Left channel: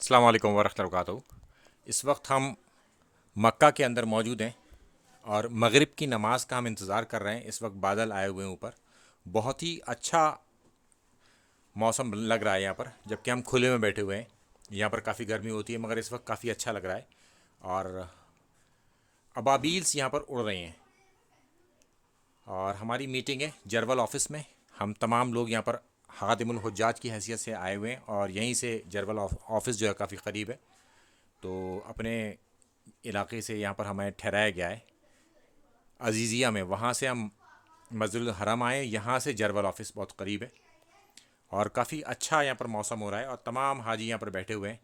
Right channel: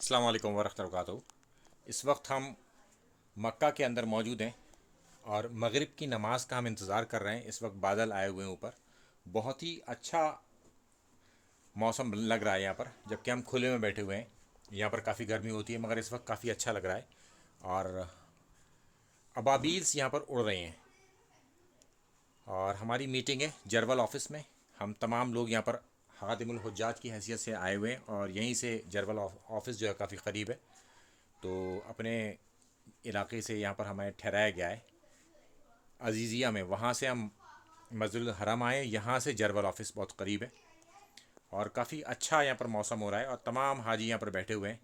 अस्सलाम वालेकुम वरहमतुल्लाहि वबरकातुहू। इस वक्त हम मक्का के अंदर मौजूद हैं और मगरिब की नमाज़ का हम इंतज़ार कर रहे हैं। इस वक्त बादल आए हुए हैं ऊपर, बहुत ही अच्छा मौसम लग रहा है यहाँ पर, जबकि हम खुले में बैठे हुए हैं। यहाँ पर काफ़ी गर्मी होती है मगर इस वक्त काफ़ी अच्छा लग रहा है और अबाबील्स यहाँ पर उड़ रहे हैं। और हमारी मीटिंग है जरवल ऑफ़िस में। हम तमाम लोग यहाँ पर खादिमुल हुज्जाज की हैसियत से आए हुए हैं और यहीं से जरवल ऑफ़िस जो है काफ़ी क़रीब है, तो अपने इलाके से यहाँ पर हमें ठहराया गया है अजीज़िया में। वहाँ से हम मस्जिदुल हरम आए, यहाँ से जरवल ऑफ़िस बहुत क़रीब है और काफ़ी अच्छा यहाँ पर मौसम हो रहा है और तमाम हाजी यहाँ पर बैठे हुए हैं।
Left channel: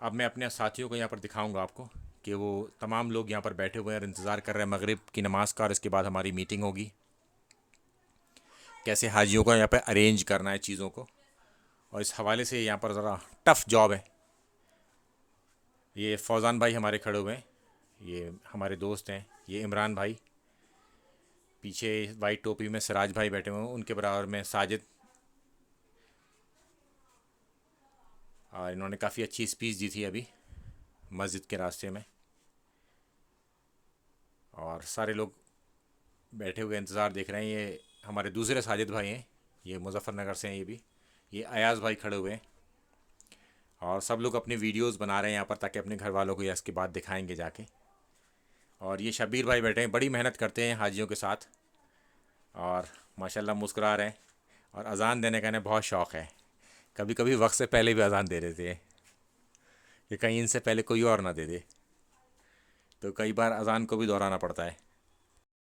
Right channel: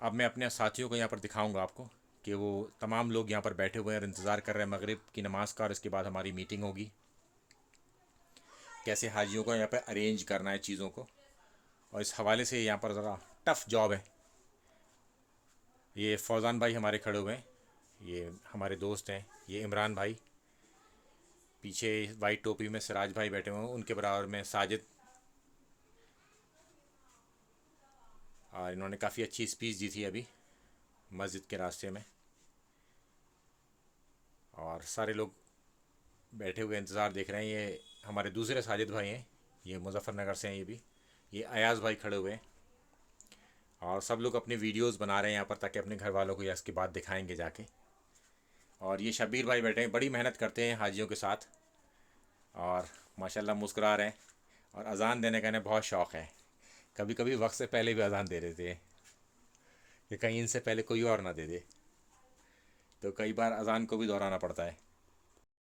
अब मैं अपने साथियों को यहाँ पर दिखाऊंगा आपको कि वो तमाम लोग यहाँ पर बैठे हुए हैं और इंतज़ार कर रहे हैं मगरिब की नमाज़ का, और इसके बाद हमारी मीटिंग होगी। कैसे हाजियों को यहाँ पर अरेंज करना है चीज़ों को, और इस हवाले से यहाँ पर ज़रा टफ़ जॉब है। ये फौज़ान भाई हमारे खड़े हुए हैं, ये हमारे दोस्त हैं। ये इमरान भाई, पीछे वाइट टोपी में सिराज भाई बैठे हुए हैं, उनके बराबर में साजिद। और इन्होंने काफ़ी अच्छी स्पीच दी थी अभी मस्जिद के रास्ते में। और सारे लोग बैठे हुए इंतज़ार देख रहे हैं। ये हमारे दूसरे साजिद भाई हैं, ये मुजफ़्फ़रनगर से हैं। ये अयाज़ भाई खड़े हुए हैं और सब लोग अपनी वीडियोस बना रहे हैं यहाँ पर, ताकि अपने घर वालों को या इसके बाद दिखाएंगे जाके। और ये शब्बीर भाई बैठे हैं, बड़ी मेहनत करते हैं हाजियों के साथ और माशाल्लाह मुस्कुरा रहे हैं। और अज़ान देने का इन्हें बहुत शौक़ है, कभी कभी वक्त से पहले भी अज़ान दे देते हैं कि कहीं इनसे पहले कोई और ना दे दे, तो कई बार अज़ान को भी दोहराना पड़ता है।